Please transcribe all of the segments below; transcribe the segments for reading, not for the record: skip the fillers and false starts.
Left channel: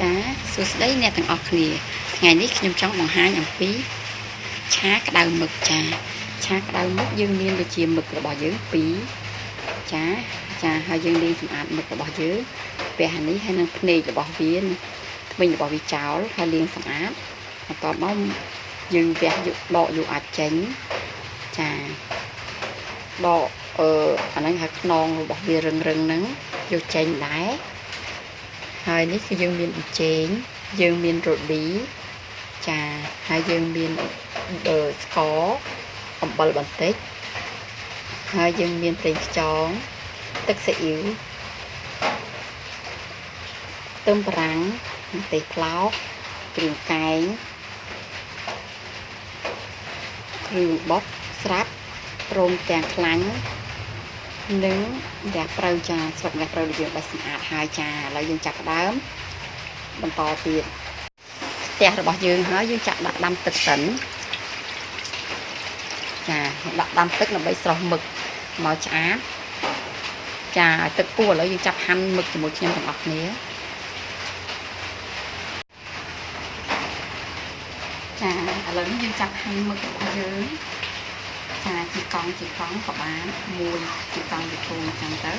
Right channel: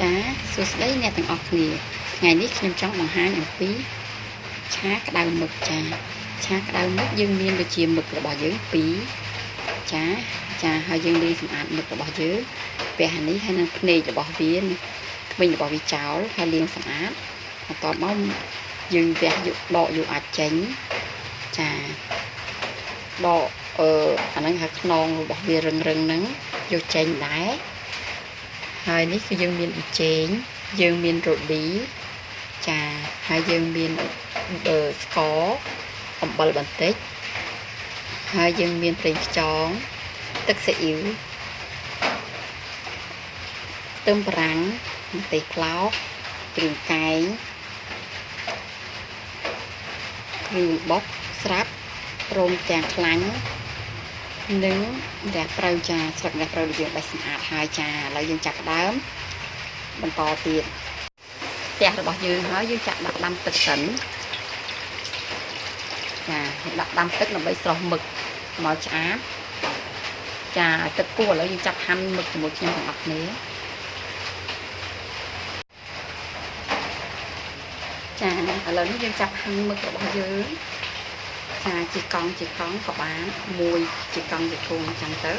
ចាសួស្តីអ្នកទាំងអស់គ្នាថ្ងៃនេះខ្ញុំចង់បង្ហាញអំពីឆាក្តៅមឹកចាឆាក្តៅមឹកយើងមានដូចជាមឹករបស់យើង2ចាហើយយើងលាងសម្អាតមឹករបស់យើងពះនេះហើយនឹងភ្នែករបស់វាធ្មេញរបស់វាចោលហើយលាងសម្អាតបន្ទាប់មកយើងវះយកដកយកអាចចេញចាដកអាហ្នឹងហើយខ្នងរបស់វារឹងហ្នឹងយកចេញដែរហើយនេះគឺយើងមានប៊ីចេងយើងមានរ៉ូឌីចាហើយយើងមានស្ករអំបិលបន្តិចហើយយើងមានប្រេងខ្យងទឹកស៊ីអ៊ីវខ្ទឹមបារាំងម្ទេសប្លោកគ្រឿងកែងគ្រឿងបុកស្រាប់ព្រមទាំងខ្លាញ់និងរះប្រៅចាស្លឹករះប្រៅដែលយើងបេះសម្អាតហើយចាឥឡូវយើងចាប់ផ្ដើមបន្តទៀតផ្ទះរបស់យើងហើយយើងចាក់ដាក់ដាំទឹកសិនចាដាក់ដាំទឹកដើម្បីស្រុះមឹកមកឆ្អាបចាទឹកពុះឥឡូវយើងចាប់ហាន់មឹកជាមួយខ្ញុំទាំងអស់គ្នាចាឥឡូវនេះយើងចាប់ហាន់មឹករបស់យើងចាជាកង់ក៏បានមួយជាកង់ជាធំអញ្ចឹងទៅ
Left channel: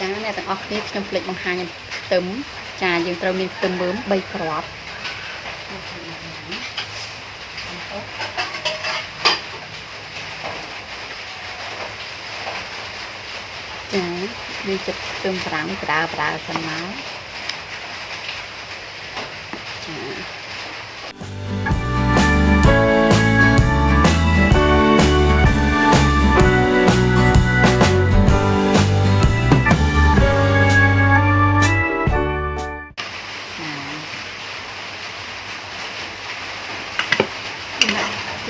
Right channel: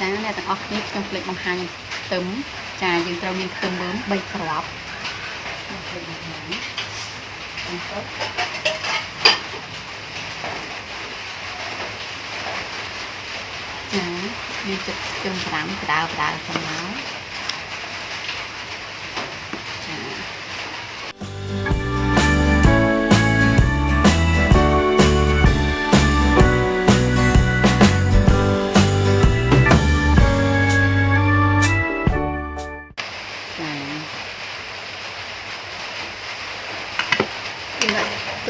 ចាអ្នកទាំងអស់គ្នាខ្ញុំភ្លេចបង្ហាញខ្ទឹមចាយើងត្រូវមានខ្ទឹមមើម3គ្រាប់ចាយើងចិត្តខ្ទឹមប្រាំងក្តៅសិនមក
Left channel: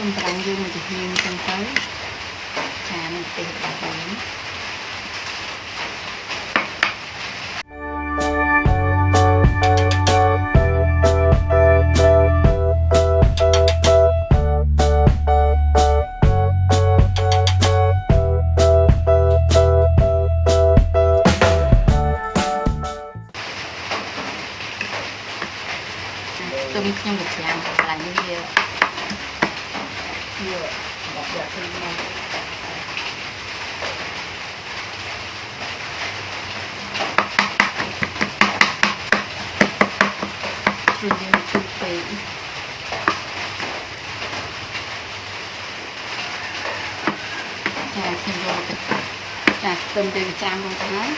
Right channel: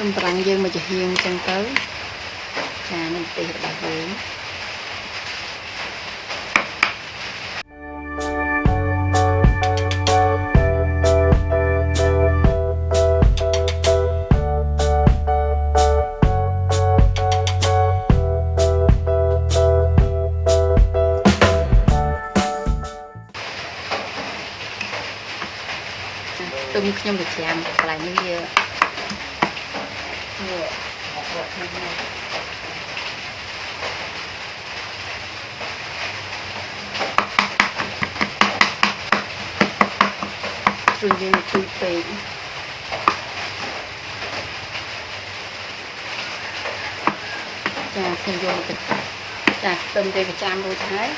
ទុំប្រាំងយើងមកចំហៀងចឹងទៅចានឹងទេរបស់យើងទុំខ្ញុំប្រចាំកន្លែងនេះវាដាក់យកទៅនេះគឺយើងជួយពេកចាខ្ញុំយកទៅចាខ្ទឹមយើងចាំរួចហើយ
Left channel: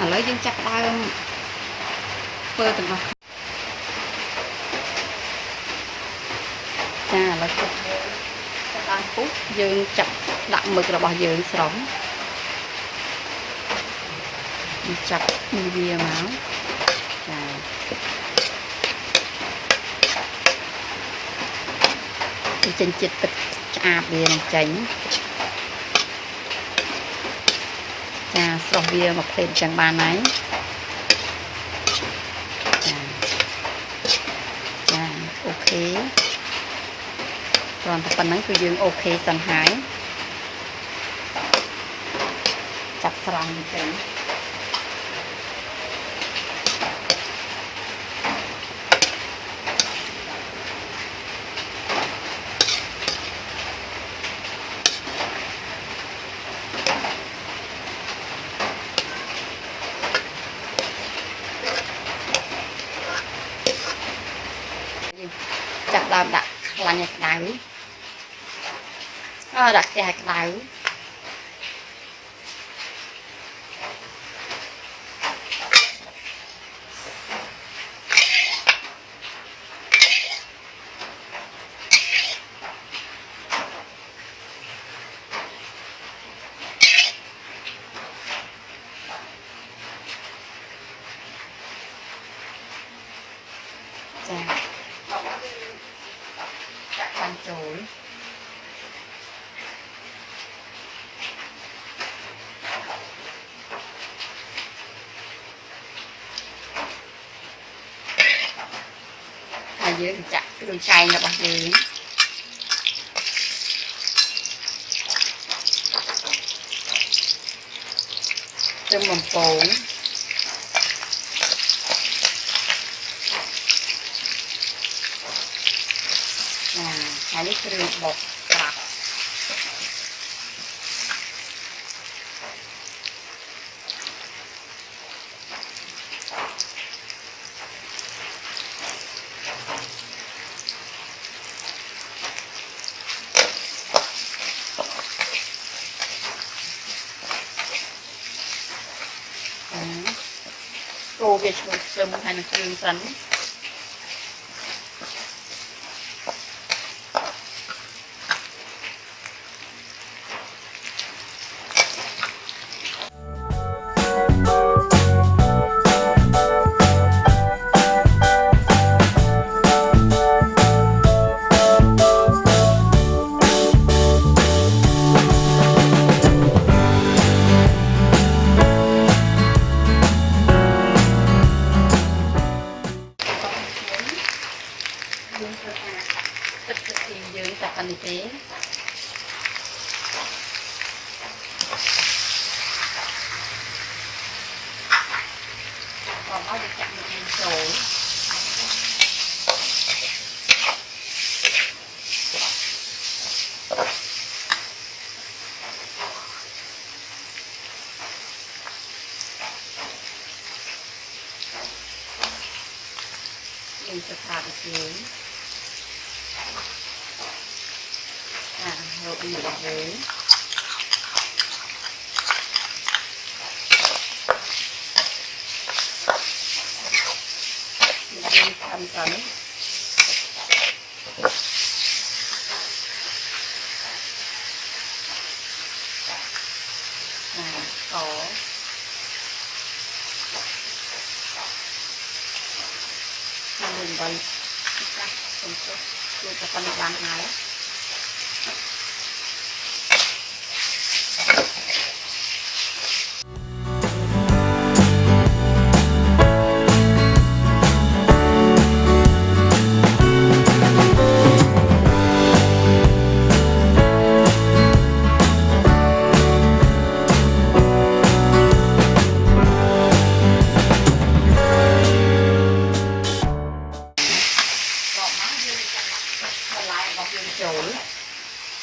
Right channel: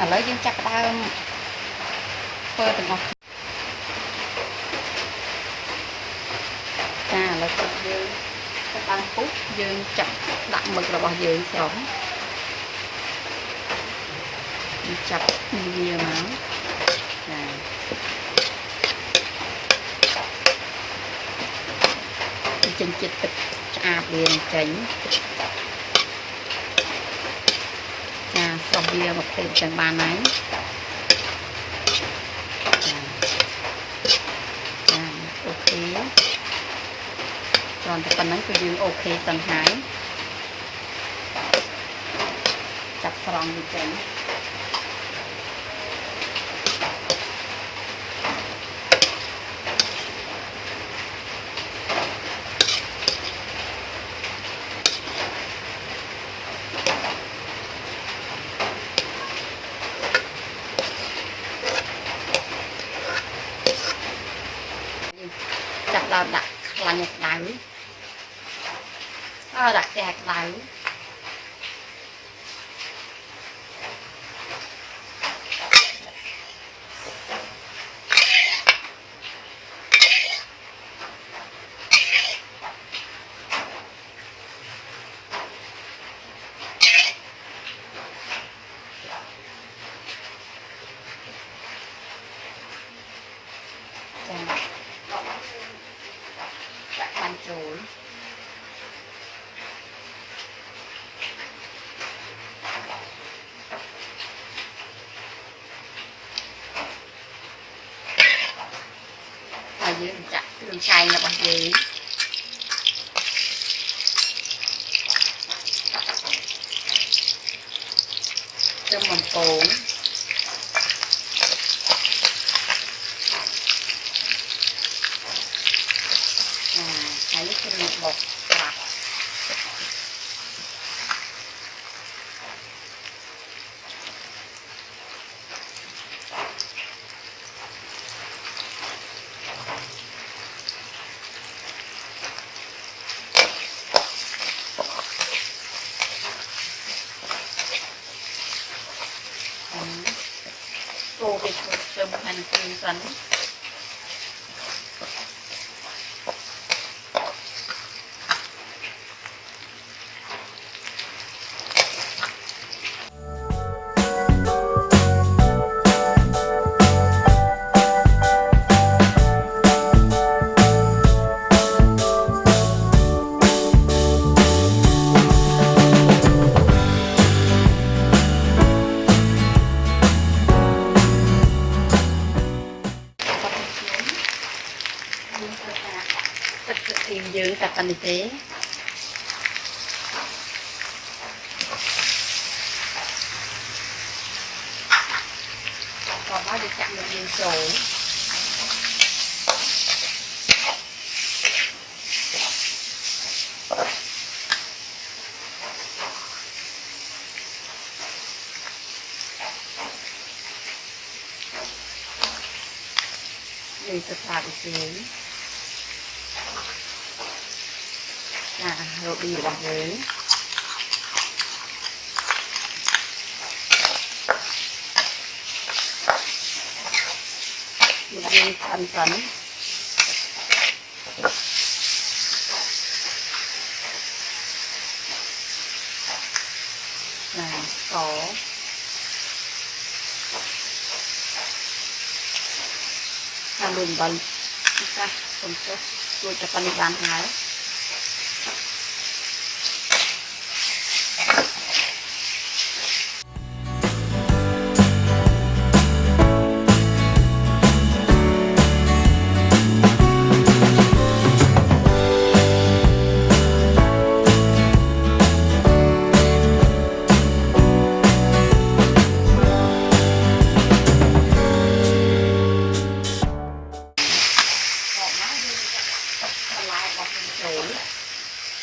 ឥឡូវយើងចាប់ផ្ដើមធ្វើទាំងអស់ចាឥឡូវយើងតាមពុះយើងចាក់ដាក់មឹករបស់យើងស្រុំចាប់វាមកចាចេញជាតិទឹកឆ្អាបវានឹងចេញចាស្រុះវាមកភ្លេតចឹងបានហើយចាអូខេប៉ុណ្ណឹងគឺយើងអូខេសិនហើយចាប់ស្រង់វាទៅ chặt đào đặt là nhạc đáy đặt cái hạt đáy ăn chối dưới chặt cái đường xay nó bằng dưới tôm mầm cồn hai lít rưỡi bột cô về cho một hành viên phấn tìm dưỡng tập anh chế còn nó được chặn được miếng sổ mình sẽ thả được miếng rồi đi vào huế mình ăn phấn có ăn đường bánh kita untuk kita panikan hal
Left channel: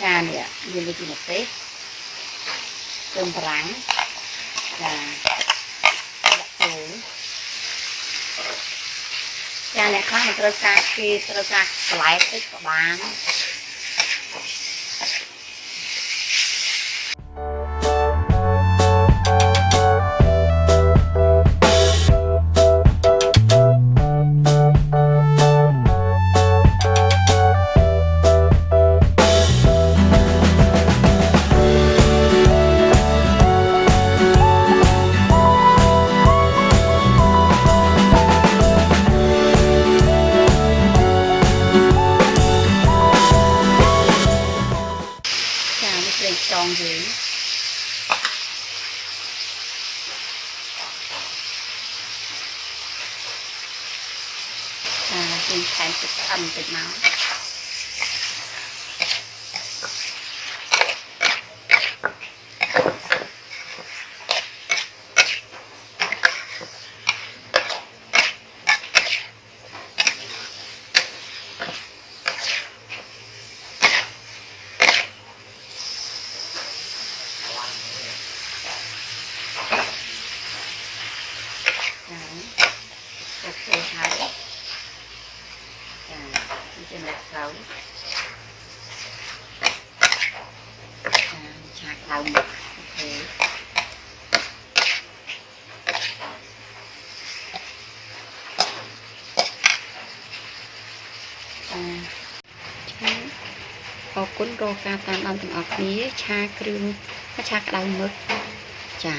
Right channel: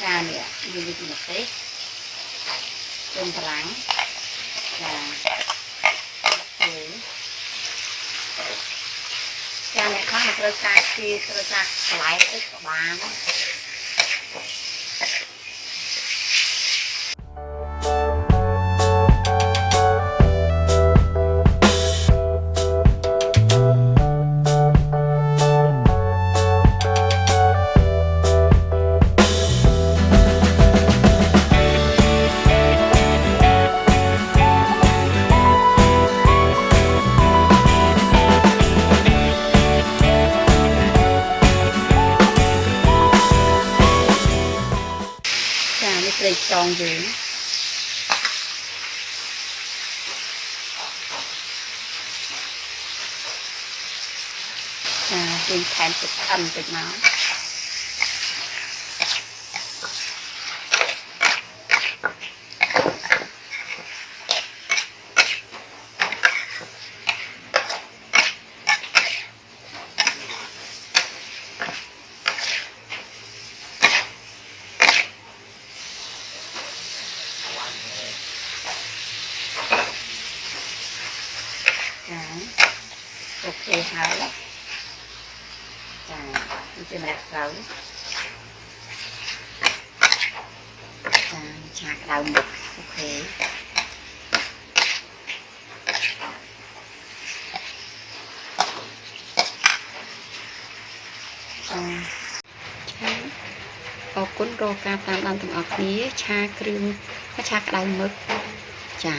trà nè như vậy một tết cơm rán và trà này khác một cái trà kia tôi trà lại tích của bạn lên tròn dưới trên thèm thịt ăn thịt nó ok hả ជំរាបទៅឆាក្តៅមឹកអូខេអរគុណរកការតាមដានទាំងអស់គ្នាឆាគ្រឿងឆាក្តៅមឹកចា